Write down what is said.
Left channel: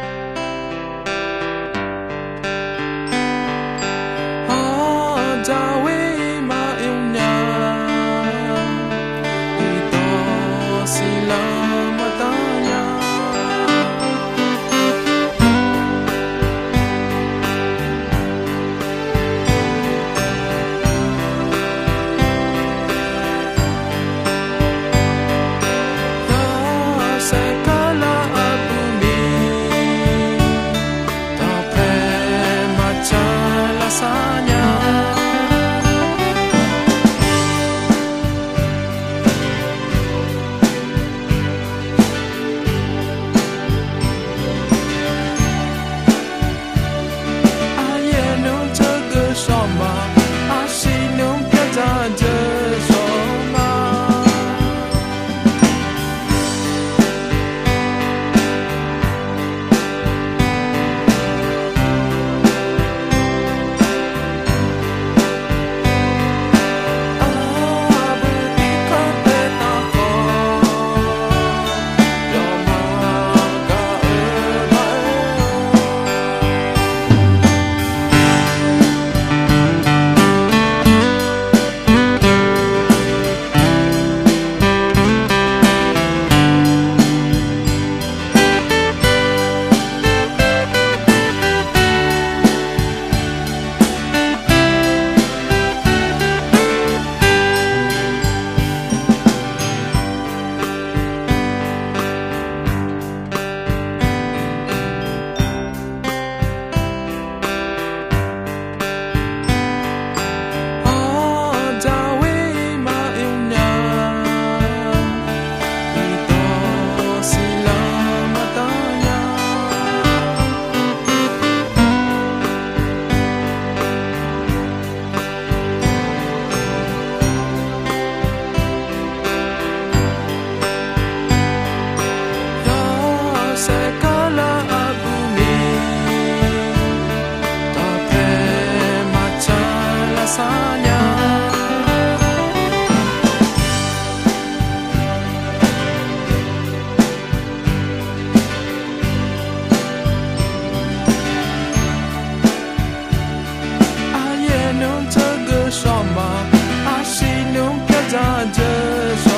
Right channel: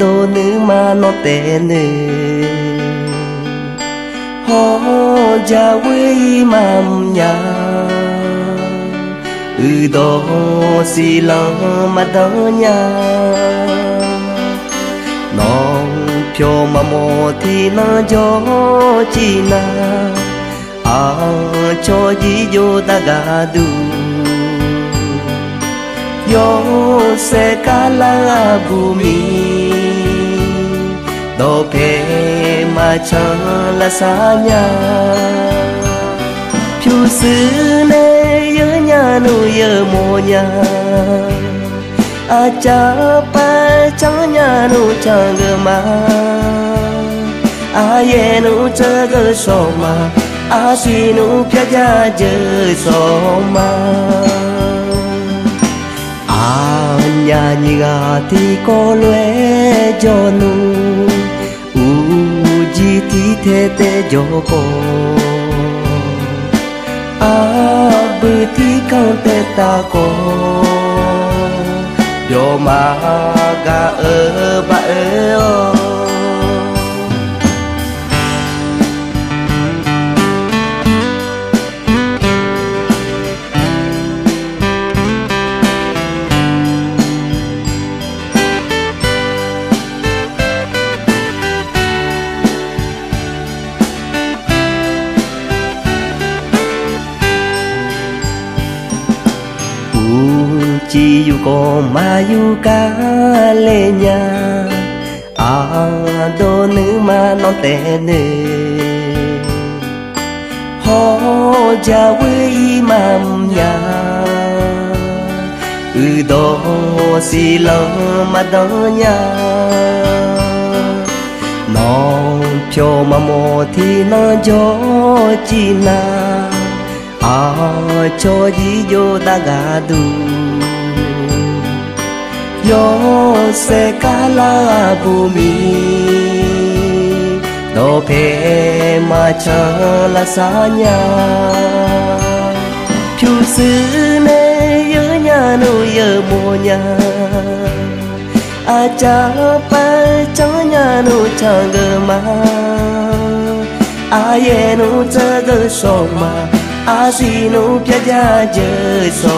đồ nữ mà nó tên nữ họ cha quê mà nhà đó xì lăng mà đó nhà nó cho mà mò thì nó cho chi na cho gì vô ta gà du yo se kala bumi do pe ma cha la sa nya chu sư ne yơ nya nu yơ mo nya a cha pa cha nya nu cha ge ma a ye nu cha ge so ma a si nu kya ja je so ma nhà nhựa thì có lẽ cho nu chỉ tí thế thế cho cô bữa tí con tê ta cô yo mà ga ở ba ở yu ca lê nhà đồ nữ mà non tê nữ họ cha quê mà nhà đó xì lơ mà đó nhà nó cho mà mò thì nó cho chi na cho gì vô ta gà du yo se kala bumi do pe ma cha la sa nya chu sư ne yơ nya nu yơ mo nya a cha pa cha nya nu cha ge ma a ye nu cha ge so ma a si nu kya ja je so